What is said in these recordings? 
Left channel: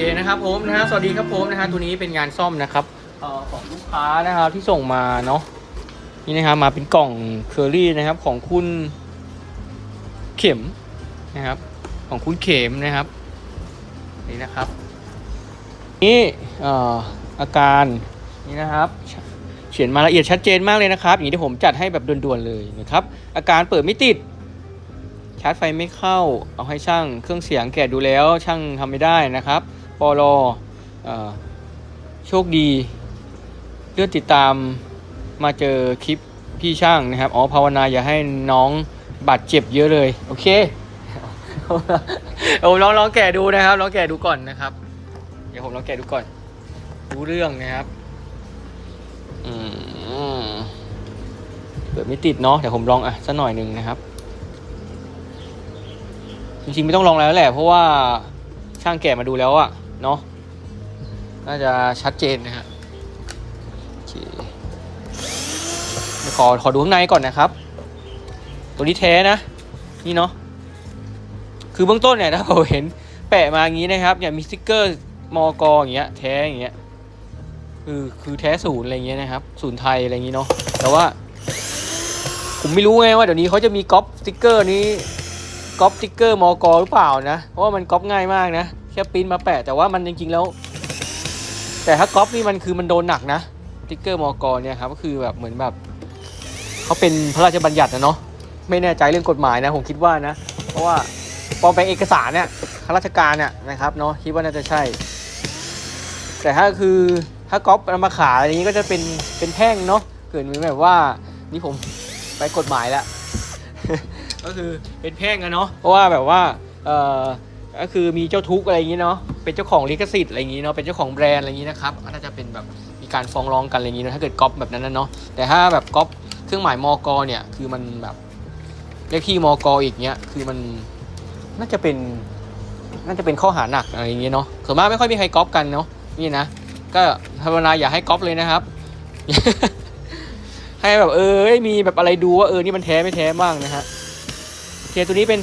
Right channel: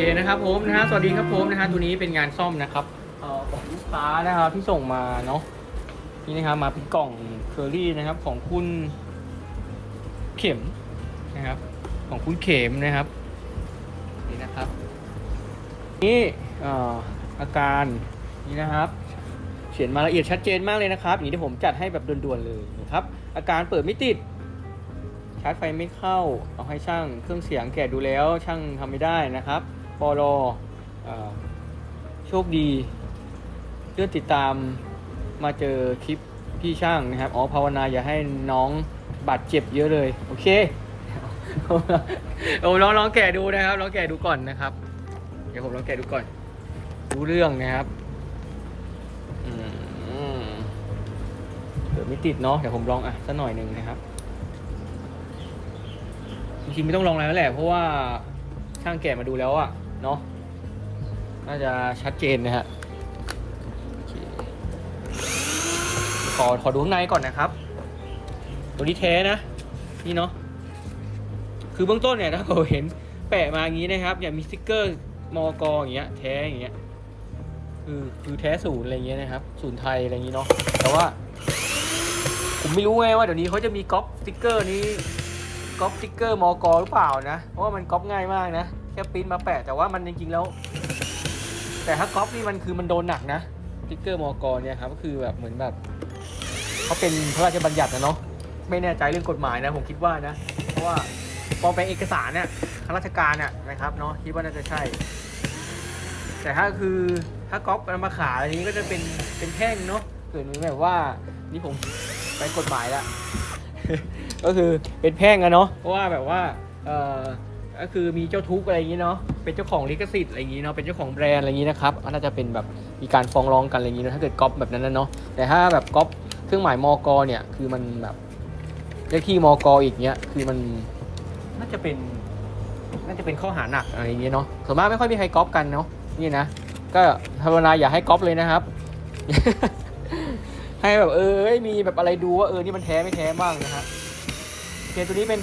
เคนะครับผมนะฮะสวัสดีครับผมนะฮะตัวนี้เป็นงานซ่อมนะครับเอ่อของลูกค้านะครับที่ส่งมาเนาะนี่นะครับมาเป็นกล่องเคอรี่นะครับของคุณเข็มนะครับ ของคุณเข็มนะครับนี่นะครับนี่เอ่ออาการนี่นะครับเขียนมาละเอียดชัดเจนมากเลยนะครับ อย่างที่ผมจัดให้แบบด่วนๆเลยนะครับ อาการเปิดไม่ติด ชาร์จไฟไม่เข้า เอาให้ช่างเครื่องเสียงแกะดูแล้วช่างทำไม่ได้นะครับ ปอลอโชคดี เลื่อนติดตามมาเจอคลิปพี่ช่างนะครับ อ๋อภาวนาอย่าให้น้องบาดเจ็บเยอะเลย โอเคโอ้ลองลองแกะดูนะครับลองแกะดูก่อนนะครับ เดี๋ยวผมลองแกะดูก่อน รู้เรื่องนะครับอืมเกิดไม่ติดเนาะเดี๋ยวผมลองอะสักหน่อยหนึ่งนะครับ จริงๆไม่ต้องลองแล้วแหละ เพราะว่าช่างแกะมาดูแล้วอะ เนาะน่าจะชัดเจนนะฮะโอเคขอขอดูข้างในก่อนนะครับ ตัวนี้แท้นะ นี่เนาะคือเบื้องต้นเนี่ยถ้าเราเห็นแปะมาอย่างนี้นะครับอย่างมีสติ๊กเกอร์มอกออย่างเงี้ยแท้อย่างเงี้ยคือคือแท้ศูนย์อะไรเงี้ยนะครับศูนย์ไทยอะไรอย่างงี้เนาะแต่ว่า ผมไม่รู้ไงว่าเดี๋ยวนี้เขาจะมีก๊อปสติ๊กเกอร์นี้ก๊อปสติ๊กเกอร์มอกหรือเปล่านะเพราะว่ามันก๊อปง่ายมากนะ ค่ปริ้นมาแปะแต่ว่ามันจริงๆแล้ว แต่ถ้าก๊อปนี่มันคือมันโดนหนักนะสติ๊กเกอร์มอกรเนี่ยครับก็คือแบบเหมือนแบบเขาเป็นพระราชบัญญัตินะเนาะไม่แน่ใจเรื่องกฎหมายนะผมคิดว่านะ เพราะว่าปลอมแปลเอกสารเนี่ยข้าราชการเนี่ยนะครับเนาะคิดว่าน่าจะใช่ แต่ถ้าคือถ้าก๊อปเอามาขายอะไรนี้ก็จะเป็นเป็นแท่งเนาะเกิดมือแบบว่านี่ผมไปกฎหมายแล้วก็คือเป็นแพ่งอะเนาะเพราะว่าแบบว่าเอ่อ ก็คือมีเจ้าทุกอะไรอย่างงี้เนาะเป็นเจ้าของลิขสิทธิ์อะไรอย่างงี้เนาะเป็นเจ้าของแบรนด์อะไรอย่างงี้นะครับน่าจะเป็นแบบมีการฟ้องร้องกันอะไรอย่างงี้เนอะถ้าเกิดก๊อปแบบนั้นนะเนาะแต่ถ้าแบบก๊อปเครื่องหมายมอกเนี่ยคือมันแบบเลขที่มอกอีกเนี้ยคือมันน่าจะเป็นน่าจะเป็นข้อหาหนักอะไรอย่างเงี้ยเนาะส่วนมากไม่ค่อยมีใครก๊อปกันเนาะนี่นะก็ภาวนาอย่าให้ก๊อปเลยนะครับ ให้แบบเออมีแบบอะไรดูว่าเออนี่มันแท้ไม่แท้บ้างนะฮะโอเคตัวนี้เป็น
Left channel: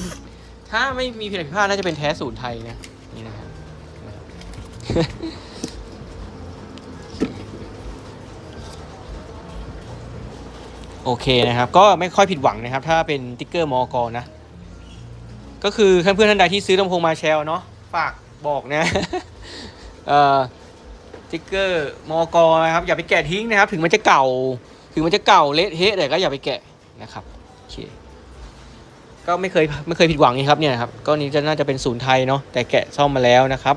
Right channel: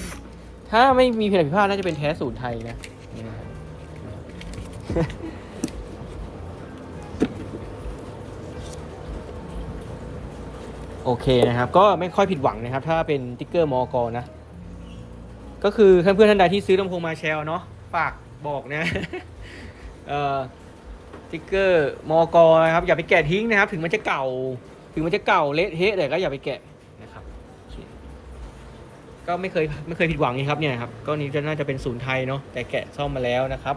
ถ้าไม่มีผิดพลาดน่าจะเป็นแท้ศูนย์ไทยนะนี่นะครับโอเคนะครับ ก็ไม่ค่อยผิดหวังนะครับ ถ้าเป็นติ๊กเกอร์มอกนะ ก็คือเพื่อนๆท่านใดที่ซื้อลำโพงมาแชลเนาะฝากบอกนะติ๊กเกอร์มอกนะครับอย่าไปแกะทิ้งนะครับ ถึงมันจะเก่า ถึงมันจะเก่าเละเทะแต่ก็อย่าไปแกะนะครับ ก็ไม่เคยไม่เคยผิดหวังนี่ครับเนี่ยครับก็นี้จะน่าจะเป็นศูนย์ไทยเนาะแต่แกะซ่อมมาแล้วนะครับ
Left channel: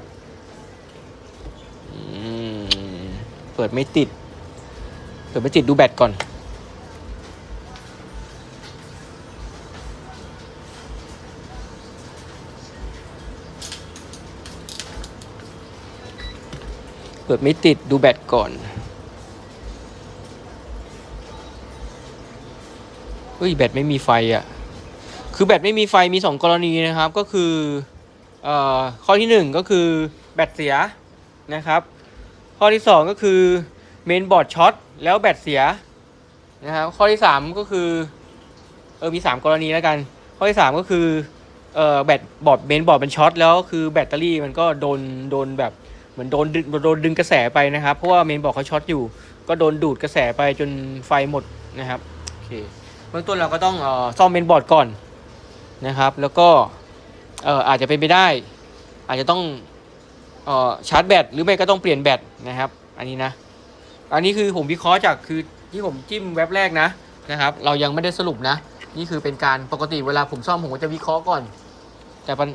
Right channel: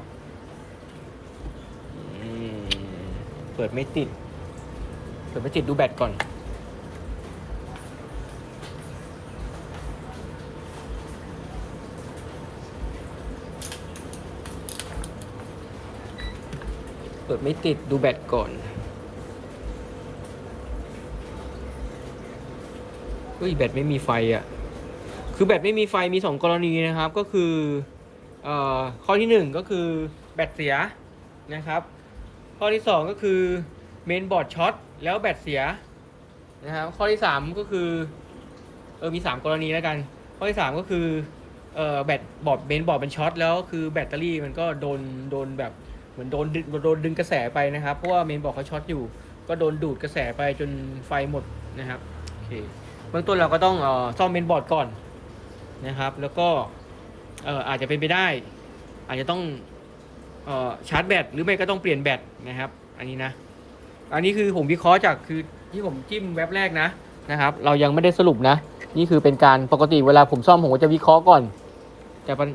เปิดไม่ติดเปิดไม่ติดดูแบตก่อน เปิดไม่ติดดูแบตก่อนเฮ้ยแบตไม่มีไฟอะ คือแบตไม่มีไฟมี 2 กรณีนะครับ ก็คือเอ่อข้อที่ 1 ก็คือแบตเสียนะครับ ข้อที่ 2 ก็คือเมนบอร์ดช็อตแล้วแบตเสียนะครับข้อที่ 3 ก็คือเออมี 3 กรณีแล้วกัน ข้อที่ 3 ก็คือเอ่อแบตบอร์ดเมนบอร์ดเป็นช็อตแล้วคือแบตเตอรี่มันก็โดนโดนแบบเหมือนโดนดึงโดนดึงกระแสไปนะครับ เพราะว่าเมนบอร์ดเขาช็อตอยู่ ก็โดนดูดกระแสไปจนไฟหมดนะครับโอเคเบื้องต้นเราก็ต้องเอ่อซ่อมเมนบอร์ดก่อน นะครับ แล้วก็เอ่ออาจจะเป็นไปได้ อาจจะต้องเอ่อชาร์จแบตหรือไม่ก็ต้องเปลี่ยนแบตนะครับ อันนี้นะ อันนี้คือผมวิเคราะห์จากคือที่ผมจิ้มแว็บแรกนะนะครับ เรายังไม่ได้สรุปนะ นี่คือเป็นการปกติเวลาผมซ่อมผมก็จะวิเคราะห์ก่อน แต่ปัญ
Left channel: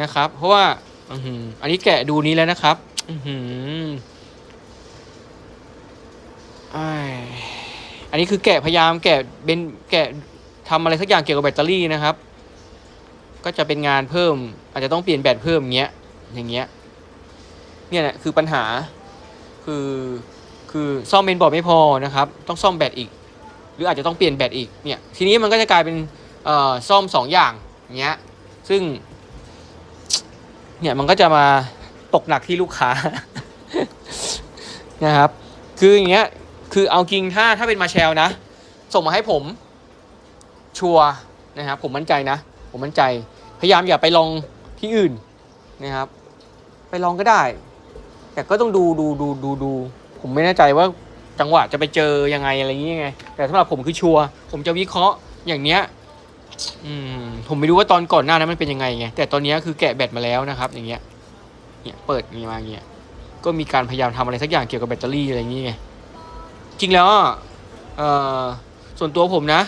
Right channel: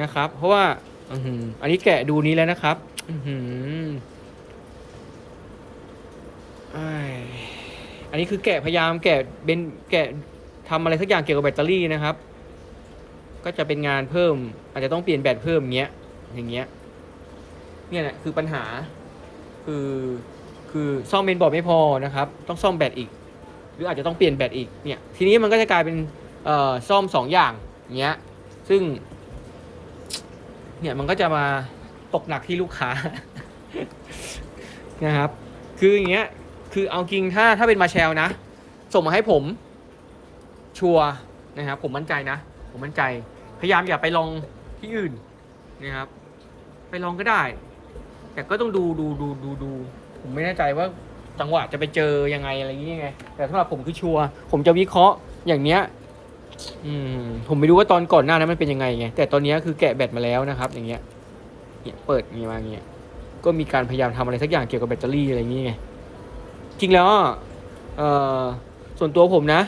นะครับ เพราะว่าอือหืมอันนี้แกะดูนี้แล้วนะครับอือหืออ้ายอันนี้คือแกะพยายามแกะเป็นแกะทำอะไรสักอย่างเกี่ยวกับแบตเตอรี่นะครับ ก็จะเป็นงานเพิ่ม อาจจะต้องเปลี่ยนแบตเพิ่มเงี้ย อย่างเงี้ย เนี่ยแหละคือปัญหา คือ คือซ่อมเมนบอร์ดไม่พอนะครับ ต้องซ่อมแบตอีก หรืออาจจะต้องเปลี่ยนแบตอีก เนี่ย ทีนี้มันก็จะกลายเป็นเอ่อซ่อมสองอย่างเงี้ย ซึ่ง เนี่ยมันก็จะมาตกหนักที่ลูกค้า นะครับ คืออย่างเงี้ย คือเอาจริงถ้าถ้าเป็นมาแชลนะ ส่งมาให้ผม ชัวนะครับ ผมมั่นใจนะ ผมมั่นใจ พยายามอย่าไปลองที่อื่นนะครับ ไปลองก็ได้ แต่ก็ต้องดูดูดูดูดู ผมไม่แน่ใจว่าจังหวะจะไปเจอยังไงอะไรอย่างเงี้ยไงแต่สำหรับผมคือชัวร์ผมจะวิเคราะห์อย่างเนี้ยอืมผมไม่รู้ว่าตอนก่อนหน้านั้นมันเป็นยังไงไงแต่ตอนนี้คือแกะแบตมาแล้วนะครับ อย่างเงี้ยเนี่ยเปิดมีมาอย่าเงี้ยก็มีการพยายามทำอะไรสักอย่างเกี่ยวกับแบตเตอรี่อะไรอย่างเงี้ยไงจริงแล้วเอ่อส่วนตัวผมนะ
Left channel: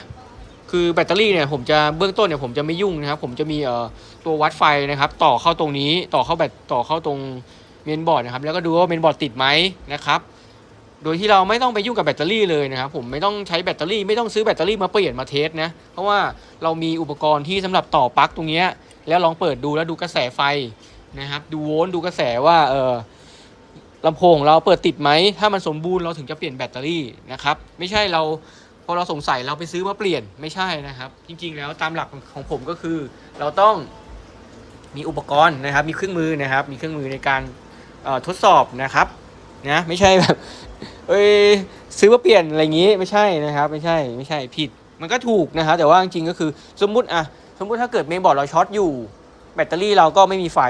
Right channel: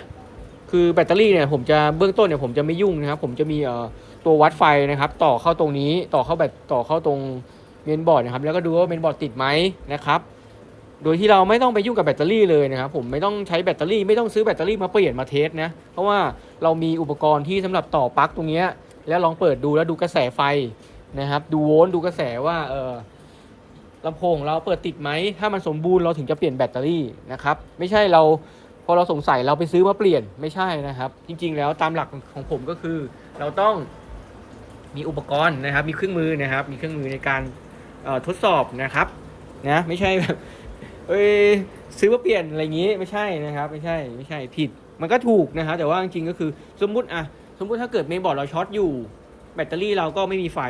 คือแบตเตอรี่เนี่ยผมจะเบื้องต้นเนี่ยผมจะไม่ยุ่งนะครับ ผมจะมีเอ่อตัววัดไฟนะครับ ต่อเข้าตรงนี้ต่อเข้าแบตต่อเข้าตรงเมนบอร์ดนะครับ แล้วก็ดูว่าเมนบอร์ดติดไหมนะครับ โดยที่เราไม่ต้องไปยุ่งกับแบตเตอรี่เลยนะครับ ผมไม่ต้องใช้แบตเตอรี่ ไม่ต้องซื้อแบตเตอรี่มาเปลี่ยนมาเทสนะ เพราะว่าเรามีอุปกรณ์ที่สำหรับต่อปลั๊กตรงนี้แล้วลองเปิดดูแล้วดูกระแสไฟนะครับ ดูโวลต์ดูกระแสว่าเออลำโพงของเราเปิดติดไหม ถ้ามันสมบูรณ์เราถึงจะเปลี่ยนแบตเตอรี่นะครับ ไม่ใช่เรา พอเราสงสัยเราไปซื้อมาเปลี่ยนไม่ใช่นะครับ จริงๆ แล้วตามหลักของผมก็คือ เราต้องมีอุปกรณ์นะครับ มีเครื่องมือนะครับ มีเครื่องมือในการทดสอบนะครับนะไม่ใช่แบบเอ้ยซื้อมาเปลี่ยนอะไรอย่างนี้ไม่ใช่นะครับ ไม่ใช่ไม่ใช่ผิด มันก็ถูกนะครับ แต่ว่าจริงๆก็คือสมมุติอะสมมุติถ้าเกิดเมนบอร์ดเราช็อตอยู่ แบตเตอรี่เราก็ไม่มีไฟ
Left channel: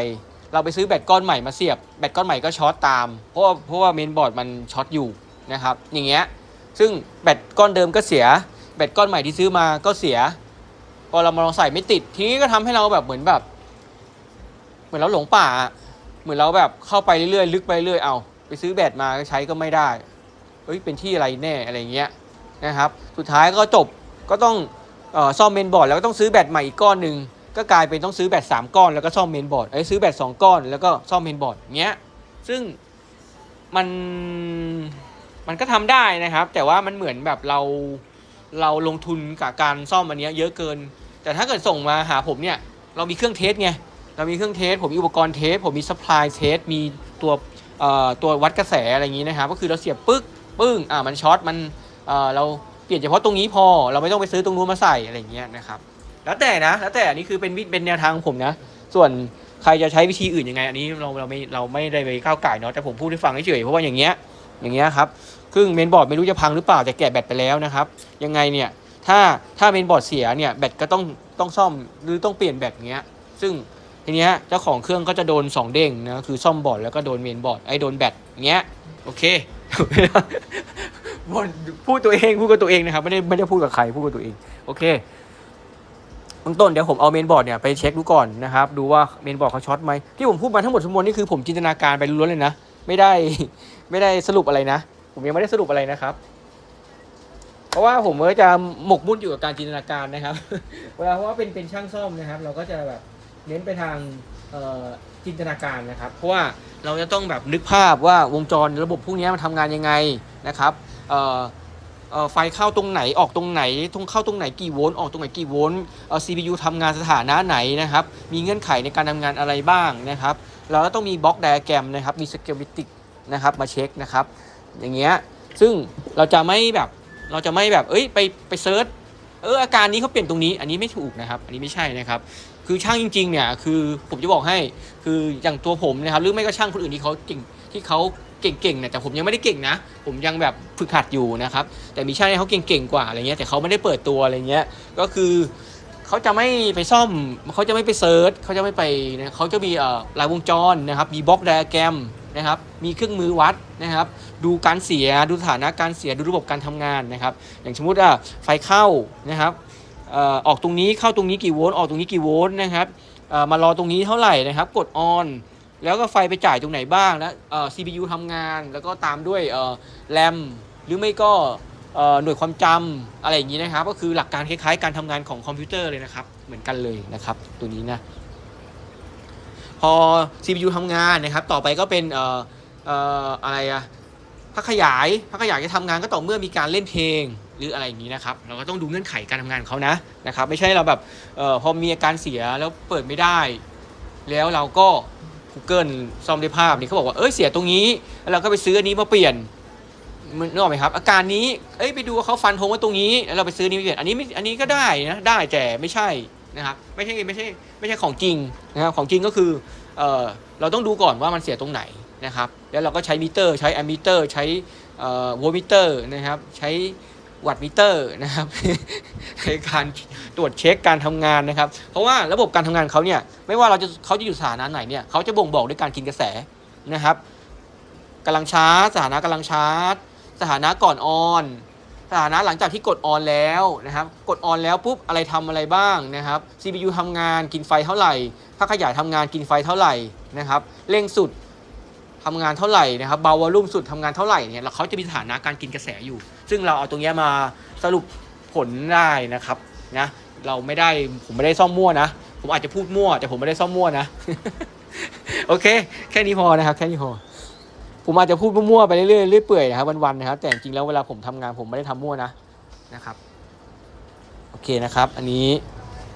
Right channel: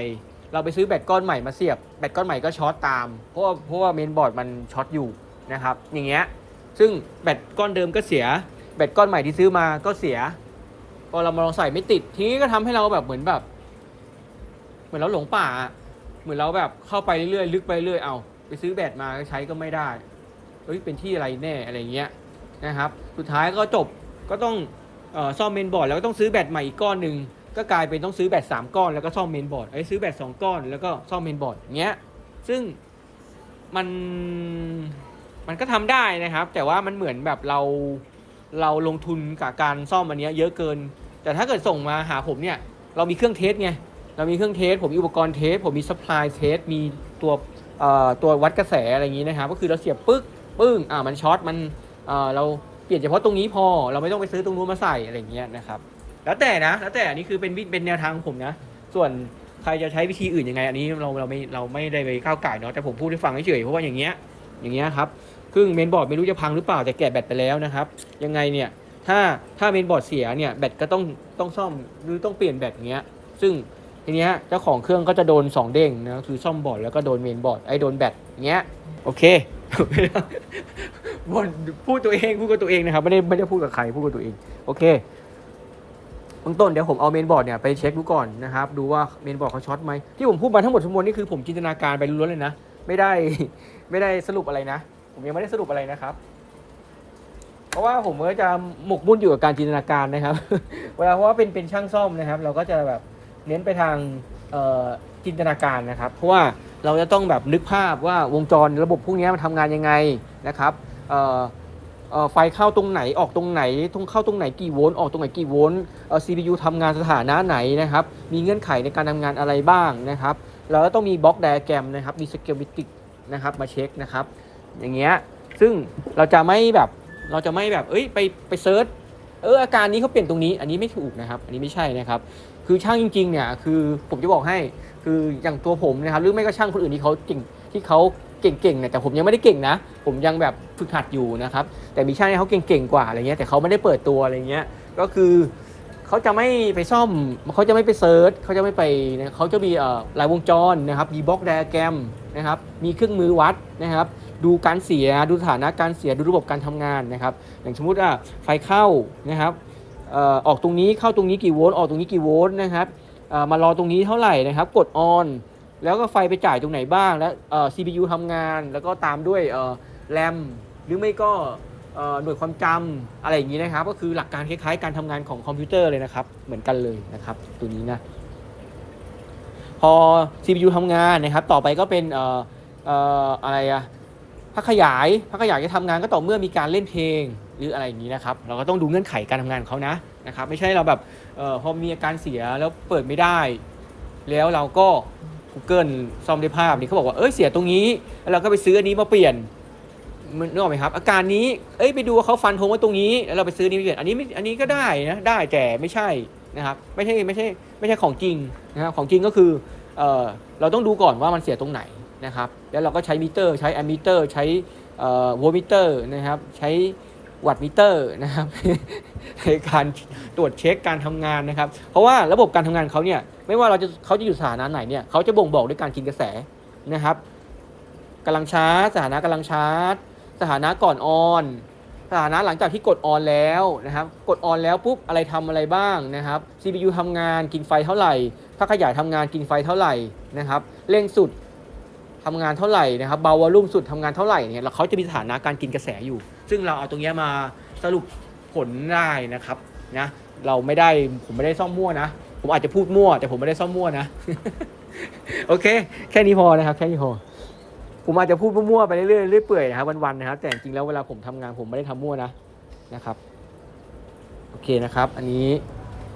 เราไปซื้อแบตก้อนใหม่มาเสียบแบตก้อนใหม่ก็ช็อตตามเพราะว่าเพราะว่าเมนบอร์ดมันช็อตอยู่นะครับ อย่างเงี้ย ซึ่งแบตก้อนเดิมก็เสีย แบตก้อนใหม่ที่ซื้อมาก็เสีย พอเรามาลองใส่ไม่ติด ทีนี้ก็ทำให้เราแบบเหมือนแบบ เหมือนเราหลงป่า เหมือนเราแบบเข้าไปเรื่อยๆลึกไปเรื่อยเอาไปซื้อแบตมาใช้ก็ไม่ได้เฮ้ยเป็นที่อะไรแน่อะไรเงี้ยนะครับ สุดท้ายก็จบก็ต้องออซ่อมเมนบอร์ดแล้วก็ต้องซื้อแบตใหม่อีกก้อนหนึ่งก็กลายเป็นต้องซื้อแบตสามก้อนแล้วก็ซ่อมเมนบอร์ดไอ้ซื้อแบตสองก้อนแล้วก็ซ่อมเมนบอร์ดเงี้ยซึ่งมัน มันก็ทำได้นะครับ แต่ว่ามันเหมือนแบบเราเราลงทุนกับการซ่อมอันนี้เยอะเกิน แต่ถ้าเกิดส่งมาหาผมเนี่ย เรามีเครื่องเทสไงเรามีเครื่องเทส ผมมีอุปกรณ์เทส ผมมีซัพพลายเทส มีตัวเอ่อตัววัดกระแสอะไรอย่างนี้นะครับ ก็คือเราเสียบปึ๊กปึ้งอ่ามันช็อตมันเอ่อเราเปลี่ยนเฉพาะตรงนี้พอ เราไม่ต้องไปซื้อตรงนู้นมาใส่อะไรอย่างเงี้ยนะครับ แล้วแต่นะ แล้วแต่นนี้คือเป็นวิเป็นแนวทางของผมนะ ส่วนใครจะใช้วิธีอื่นยังไง อันนี้เราเราไม่เราไม่ได้ไปก้าวไก่ายเนาะแต่ผมพูดให้ฟังเฉยๆเพราะว่าอย่างเงี้ย อย่างเงี้ยครับครึ่งเมนบอร์ดไม่รู้จะพังหรือเปล่าแต่แกะแบตไปแล้วนะครับ ยังไงเนี่ยถ้าถ้าเมนบอร์ดเสียเนี่ยแบตก็ต้องต้องซ่อมหรือต้องเปลี่ยนแบตเงี้ย ซึ่งทีเนี้ยเจ้าของเครื่องก็จะโดน 2 เด้งนะคือซ่อมบอร์ดแล้วก็โดนเมนบอร์ดไอ้โดนแบตเงี้ยโอเคบนพูดตัวเองพูดกับตัวเองนะครับไม่ได้ไม่ได้พูดกับใครพูดกับตัวเองโอเคเบื้องต้นเดี๋ยวผมเอาเมนบอร์ดเนี่ยไปเช็คดูก่อนนะครับ ดูว่าเมนบอร์ดเขาช็อตไหมที่ผมพูดมาทั้งหมดทั้งมวลนี่คือผมจินตนาการไปล้วนเลยนะ ไม่ได้ไม่ได้สรุปอะไรนะ ผมยังไม่ได้สรุปอะไรนะครับ เพราะว่าผมก็จะหมกมุ่นอยู่กับการจินตนาการนะครับ เวลาเพราะว่าเป็นเป็นช่างซ่อมนะครับ เราก็จะแบบเน้นไปทางจินตนาการนะครับ เพราะว่าเราจะต้องแบบนึกภาพว่าวงจรระบบพวกนี้มันทำงานยังไงนะครับ ไฟเข้าตรงไหนออกตรงไหนตรงเข้าตรงไหนกี่โวลต์ออกตรงไหนกี่โวลต์ CPU ทำงานสถานะไหนนะครับ มีเงื่อนไขในการทำงานอะไรบ้างนะครับเราก็ต้องมีบล็อกไดอะแกรมนะครับ มีสเกลมิติกนะครับมาเช็คนะครับ อย่างเงี้ย ซึ่งเราจะไม่แบบเราจะไม่แบบเอ้ยไปไปเซิร์ชเอออาการนี้เขาเปลี่ยนตรงนี้อันนี้ไม่ถูกนะครับ อันนี้ไม่ใช่นะครับ คือช่างจริงๆเนี่ยคือผมจะบอกให้คืออย่างตัวผมนะครับหรือไม่ก็ช่างคนอื่นที่เขาเก่งที่เขา เก่งๆเนี่ยแต่ผมยังไม่ได้เก่งนะ ผมยังแบบฝึกหัดอยู่นะครับ แต่มีช่างที่เขาเก่งๆกว่าอะไรเงี้ยแต่เขาไม่ได้เปิดตัวอะไรเงี้ยก็คือเขาจะไม่ไปซ่อมเขาจะไม่ไปเซิร์ชเขาจะไม่ไปเขาจะมีเอ่อรายวงจรนะครับมีบล็อกไดอะแกรมนะครับมีเครื่องมือวัดนะครับ ดูการเสียดูสถานะการเสียดูระบบการทำงานนะครับ อย่างสมมติว่าไฟเข้านะครับออกตรงนี้เข้าตรงนี้กี่โวลต์ออกตรงนี้กี่โวลต์นะครับมารอตรงนี้เท่าไหร่นะครับ กดออน แล้วก็ไฟไปจ่ายตรงไหนบ้าง แล้วเอ่อ CPU ทำงาน แล้วก็ตามด้วยเอ่อแรมหรือไม่ก็เอ่อหน่วยความจำอะไรอย่างนี้นะครับ ก็คือหลักการคล้ายๆ การทำงานของคอมพิวเตอร์เลยนะครับ เหมือนกันเลยนะครับ ตัวนี้นะ พอ CPU ทำงานนะครับ ต่อไปก็เป็นเอ่อเอ่ออะไรอะพักขยายพักขยายจะทำงานก็ต่อเมื่อมีการเล่นเพลงหรืออะไรอย่างนี้นะครับ เราก็ต้องดูเงื่อนไขการทำงานของเขานะนะครับ ไม่ใช่เราแบบเออพอมีอาการเสียแล้วเปิดไม่ได้ แล้วเราก็ Google ซ่อมด้วยภาพนี่เขาบอกว่าเอ้ยเสียตรงนี้แล้วเราก็ไปซื้ออันนี้มาเปลี่ยนมันนึกออกไหมครับ อาการนี้เอ้ยไปดูว่าเขาฟันธงไว้ตรงนี้แล้วเราไปซื้อนี้มาเปลี่ยนอันนี้ไม่อันนี้ก็ได้นะได้แต่ไม่ใช่นะครับไม่ใช่ไม่ใช่ไม่ใช่ของจริงนะครับของจริงก็คือเอ่อเราต้องดูก่อนว่ามันเสียตรงไหนนะครับแล้วเราก็ใช้มิเตอร์ ใช้แอมมิเตอร์ ใช้โวลมิเตอร์นะครับใช้ วัตมิเตอร์นะครับในการตรวจเช็คการทำงานนะครับ เพราะว่าระบบการทำงานเขาเนี่ยไม่ว่าเราจะเขาจะอยู่สถานะไหนเนี่ยเขาจะบ่งบอกด้วยการกินกระแสนะครับกำลังชาร์จสถานะกำลังชาร์จสถานะก่อนออนสถานะหลังจากที่กดออนแล้วนะครับ กดออนแล้วปุ๊บอะไรทำอะไรบ้างนะครับ CPU ทำงานกินไฟเท่าไหร่ภาคขยายทำงานกินไฟเท่าไหร่นะครับเร่งสุดทำงานเท่าไหร่นะครับเบาวอลลุ่มสุดทำงานเท่าไหร่เนี่ยแล้วเขาจะมีสถานะการกินกระแสอยู่ ซึ่งเราเอาตรงนี้มาสรุปผลได้นะครับนะเราไม่ได้ผมไม่ได้ซ่อมมั่วนะ ผมอาจจะพูดมั่ว แต่ผมไม่ได้ซ่อมมั่วนะ โอเค แค่นี้พอนะครับ แค่นี้พอผมอาจจะพูดมั่วๆไปเรื่อยๆเรื่อยเปื่อยนะครับวันๆนะครับ แต่จริงๆแล้วเวลาผมทำงานผมไม่ได้ทำมั่วนะนะครับ โอเคนะครับ อันนี้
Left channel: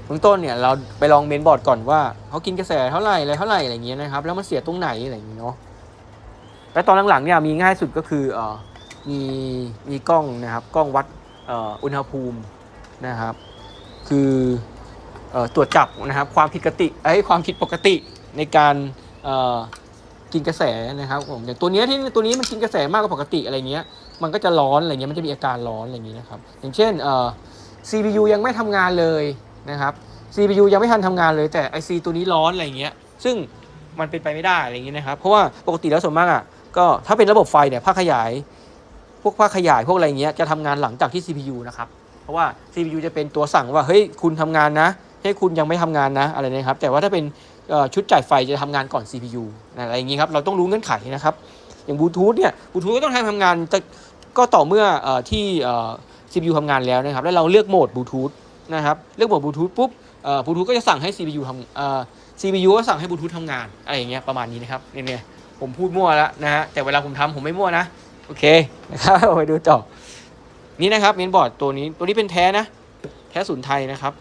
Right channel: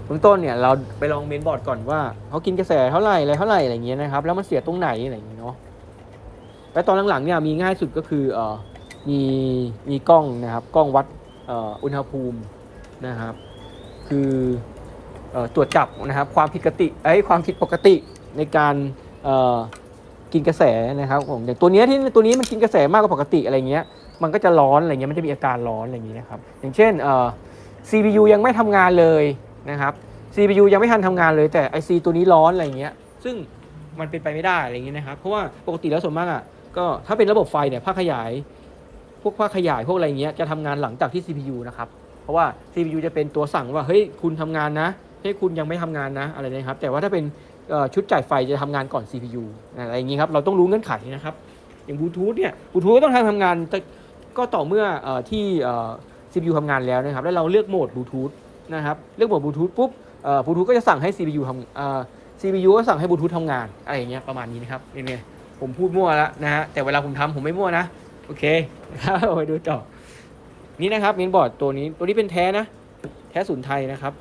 เบื้องต้นเนี่ยเราไปลองเมนบอร์ดก่อนว่าเขากินกระแสเท่าไหร่อะไรเท่าไหร่อะไรอย่างเงี้ยนะครับ แล้วมันเสียตรงไหนอะไรอย่างเงี้ยเนาะและตอนหลังๆเนี่ยมีง่ายสุดก็คือเออ มีมีกล้องนะครับกล้องวัดอุณหภูมินะครับ คืออตรวจจับนะครับความผิดปกติไอ้ความผิดปกติในการกินกระแสนะครับผมอย่างตัวนี้ที่ตัวนี้มันกินกระแสมากกว่าปกติอะไรเงี้ยมันก็จะร้อนอะไรเงี้ยมันจะมีอาการร้อนอะไรอย่างนี้นะครับอย่างเช่นเอ่อ CPU ยังไม่ทำงานเลยนะครับ CPU ยังไม่ทันทำงานเลยแต่ IC ตัวนี้ร้อนอะไรเงี้ยซึ่งมันเป็นไปไม่ได้อะไรอย่างนี้นะครับเพราะว่าปกติแล้วส่วนมากอะก็ถ้าเป็นระบบไฟเนี่ยภาคขยาย วกภาคขยายพวกอะไรเงี้ยจะทำงานหลังจากที่ CPU นะครับเพราะว่า CPU จะเป็นตัวสั่งว่าเฮ้ยคุณทำงานนะเฮ้คุณยังไม่ทำงานนะอะไรนะครับแต่ว่าถ้าเป็นชุดจ่ายไฟจะทำงานก่อน CPU อะไรอย่างนี้ครับเราต้องรู้เงื่อนไขนะครับอย่างบลูทูธเนี่ยบลูทูธก็ต้องทำงานก็ต่อเมื่ออที่ CPU ทำงานแล้วนะครับ แล้วเราเลือกโหมดบลูทูธนะครับเลือกโหมดบลูทูธปุ๊บบลูทูธก็จะสั่งให้ CPU ทำ CPU ก็สั่งให้บลูทูธทำงานอะไรอย่างเงี้ยประมาณนี้นะครับเนี่ยผมพูดมั่วแล้วนะฮะแต่เวลาผมทำผมไม่มั่วนะ โอเคนะครับเราไปดูต่อ นี่นะครับเมนบอร์ดตัวนี้ตัวนี้เป็นแท้นะ แท้ศูนย์ไทยนะครับ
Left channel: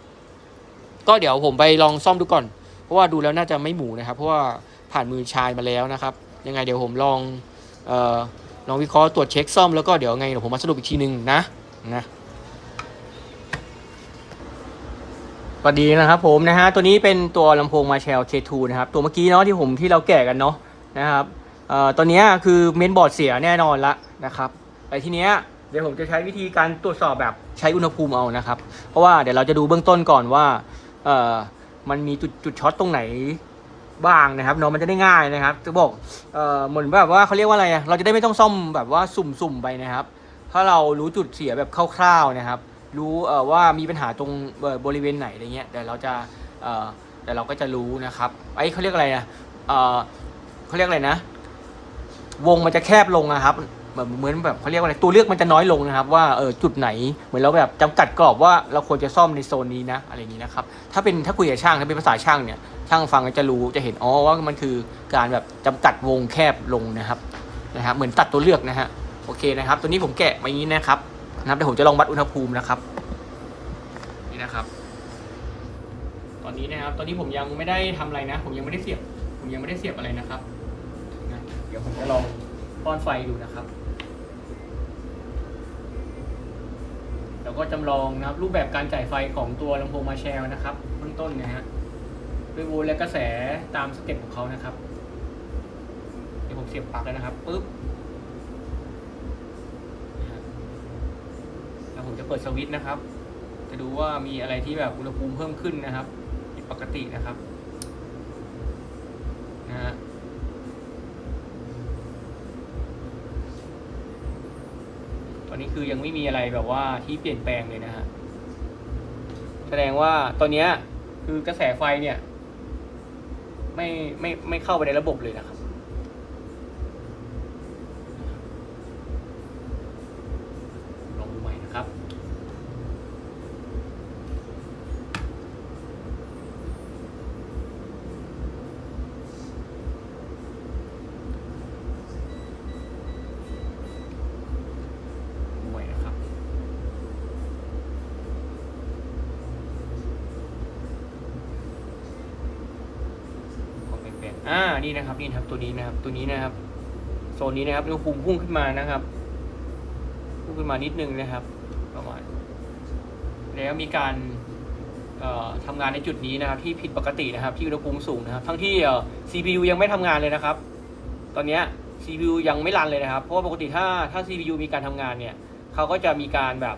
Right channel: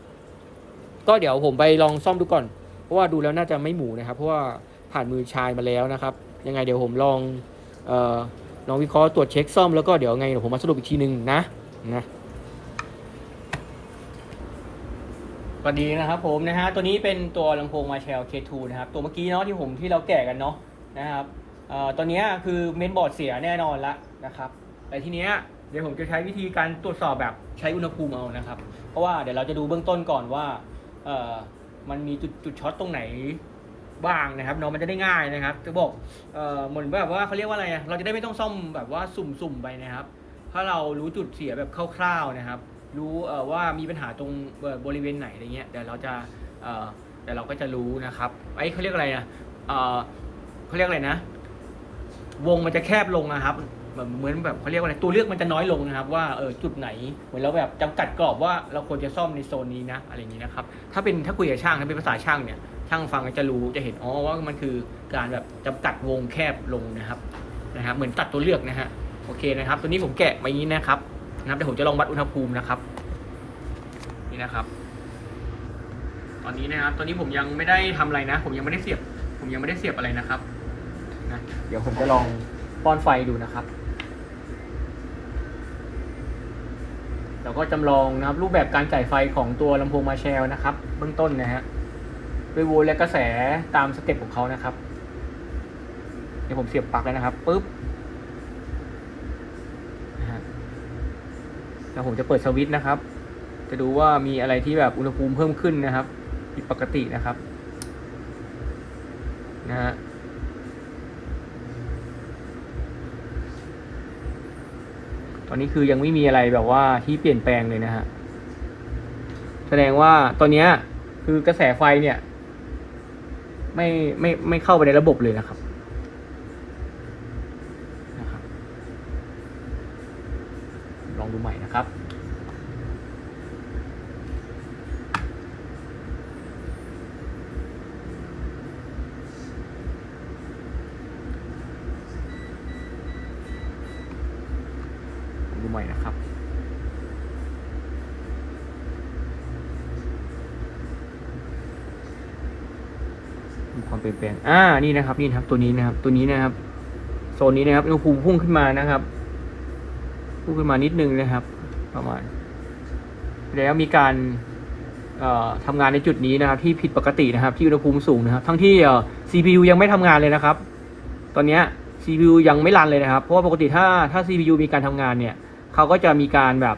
ก็เดี๋ยวผมไปลองซ่อมดูก่อน เพราะว่าดูแล้วน่าจะไม่หมูนะครับ เพราะว่าผ่านมือชายมาแล้วนะครับ ยังไงเดี๋ยวผมลองเอ่อลองวิเคราะห์ตรวจเช็คซ่อมแล้วก็เดี๋ยวไงเดี๋ยวผมมาสรุปอีกทีหนึ่งนะนะสวัสดีนะครับผมนะฮะตัวนี้เป็นตัวลำโพงมาแชล K2 นะครับ ตัวเมื่อกี้เนาะที่ผมที่เราแกะกันเนาะนะครับ เอ่อตัวเนี้คือเมนบอร์ดเสียแน่นอนละนะครับไอ้ทีเนี้ยเดี๋ยวผมจะใช้วิธีการตรวจสอบแบบใช้อุณหภูมิเอานะครับ เพราะว่าเดี๋ยวเราจะดูเบื้องต้นก่อนว่าเอ่อมันมีจุดจุดช็อตตรงไหนบ้างนะครับเนาะมันจะได้ง่ายนะครับจะบอกเอ่อเหมือนแบบว่าเขาเรียกว่าอะไรอะเราจะได้ไม่ต้องซ่อมแบบว่าสุ่มๆไปนะครับ ถ้าเรารู้จุดเสียแบบคร่าวๆนะครับ รู้เอ่อว่ามีปัญหาตรงบริเวณไหนอะไรเงี้ยเดี๋ยวเราจะเอ่อเดี๋ยวเราก็จะรู้นะครับไอ้เขาเรียกอะไรอะเอ่อเขาเรียกอะไรนะ วงมันจะแคบลงนะครับแบบเหมือนแบบเขาเรียกว่าอะไรตัวเลือกมันจะน้อยลงนะครับ ว่าเออจุดไหนเหมือนเราแบบจำกัดกรอบว่าเราควรจะซ่อมในโซนนี้นะอะไรอย่างนี้นะครับถ้าเป็นถ้าคุยกับช่างถ้าเป็นภาษาช่างเนี่ยช่างฟังก็จะรู้จะเห็นอ๋อว่ามันคือการแบบจำกัดวงแคบลงนะครับนะฮะเหมือนตัดตัวเลือกนะฮะโอเคนะครับ ตัวนี้ผมแกะมาอย่างนี้นะครับนะครับเดี๋ยวผมจะลองวัดอุณหภูมินะครับ นี่นะครับ ตอนนี้นะครับ ตอนนี้ผมยังไม่ได้ทำอะไรนะ ผมยังไม่ได้เสียบ ผมยังไม่ได้เสียบอะไรนะครับ เดี๋ยวผมจะลองป้อนไฟดูนะครับแล้วก็จำลองนะครับรูปแบบการจ่ายไฟของตัวลำโพงมาแชลนะครับ เบื้องต้นนะฮะด้วยโวลต์และกระแสตามสเต็ปของเขานะครับ เดี๋ยวผมเสียบปลั๊กแล้วนะครับปุ๊บแล้วผมจะเปิดสวิตช์นะครับ จะดูว่ามีอะไรที่แบบอุณหภูมิเพิ่มขึ้นนะครับ ผิดปกตินะครับนะฮะ ตอนนี้คือยังไม่มีอะไรแบบว่าที่เปลี่ยนแปลงเลยนะฮะ แสดงว่าตอนนี้คือกระแสไฟเนี่ย ไม่ไม่ไม่เข้าไปในระบบเลยนะครับ ลองดูใหม่นะครับ ดูใหม่นะครับ ความเป ลี่ยนอ่านี่นะครับนี่ครับตัวนี้นะครับ ตัวนี้นะครับโซนนี้นะครับอุณหภูมิพุ่งขึ้นมานะครับพุ่งขึ้นมานิดนึงนะครับ ประมาณ แล้วมีการเอ่อทำงานในจุดนี้นะครับ ที่ผิดปกตินะครับ ที่อุณหภูมิสูงนะครับ ทั้งที่ CPU ยังไม่ทำงานเลยนะครับ ตอนนี้ CPU ยังไม่รันเลยนะครับ เพราะว่าปกติถ้าถ้า CPU มีการทำงานเนี่ยเขาก็จะมีการแบบ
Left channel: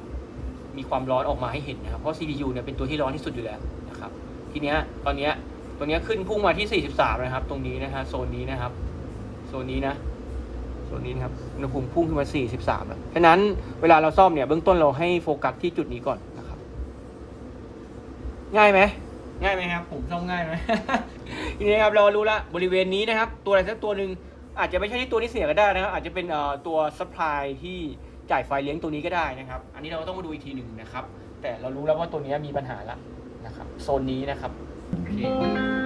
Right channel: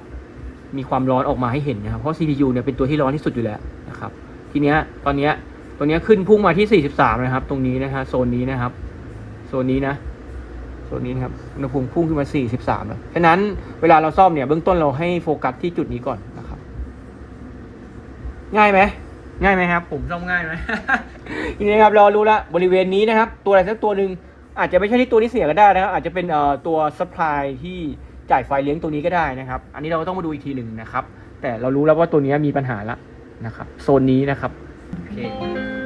มีความร้อนออกมาให้เห็นนะครับ เพราะ CPU เนี่ยเป็นตัวที่ร้อนที่สุดอยู่แล้วนะครับ ทีเนี้ยตอนเนี้ย ตัวเนี้ขึ้นพุ่งมาที่ 43 นะครับ ตรงนี้นะฮะโซนนี้นะครับ โซนนี้นะ โซนนี้นะครับอุณหภูมิพุ่งขึ้นมา 43แล้วฉะนั้นเวลาเราซ่อมเนี่ยเบื้องต้นเราให้โฟกัสที่จุดนี้ก่อนนะครับ ง่ายไหมง่ายไหมครับ ผมซ่อมง่ายไหมทีนี้ครับเรารู้ละบริเวณนี้นะครับ ตัวอะไรสักตัวหนึ่งอาจจะไม่ใช่ที่ตัวที่เสียก็ได้นะครับอาจจะเป็นเอ่อตัว supply ที่จ่ายไฟเลี้ยงตัวนี้ก็ได้นะครับ อันนี้เราก็ต้องมาดูอีกทีหนึ่งนะครับ แต่เรารู้แล้วว่าตัวนี้มีปัญหาละนะครับ โซนนี้นะครับ โอเค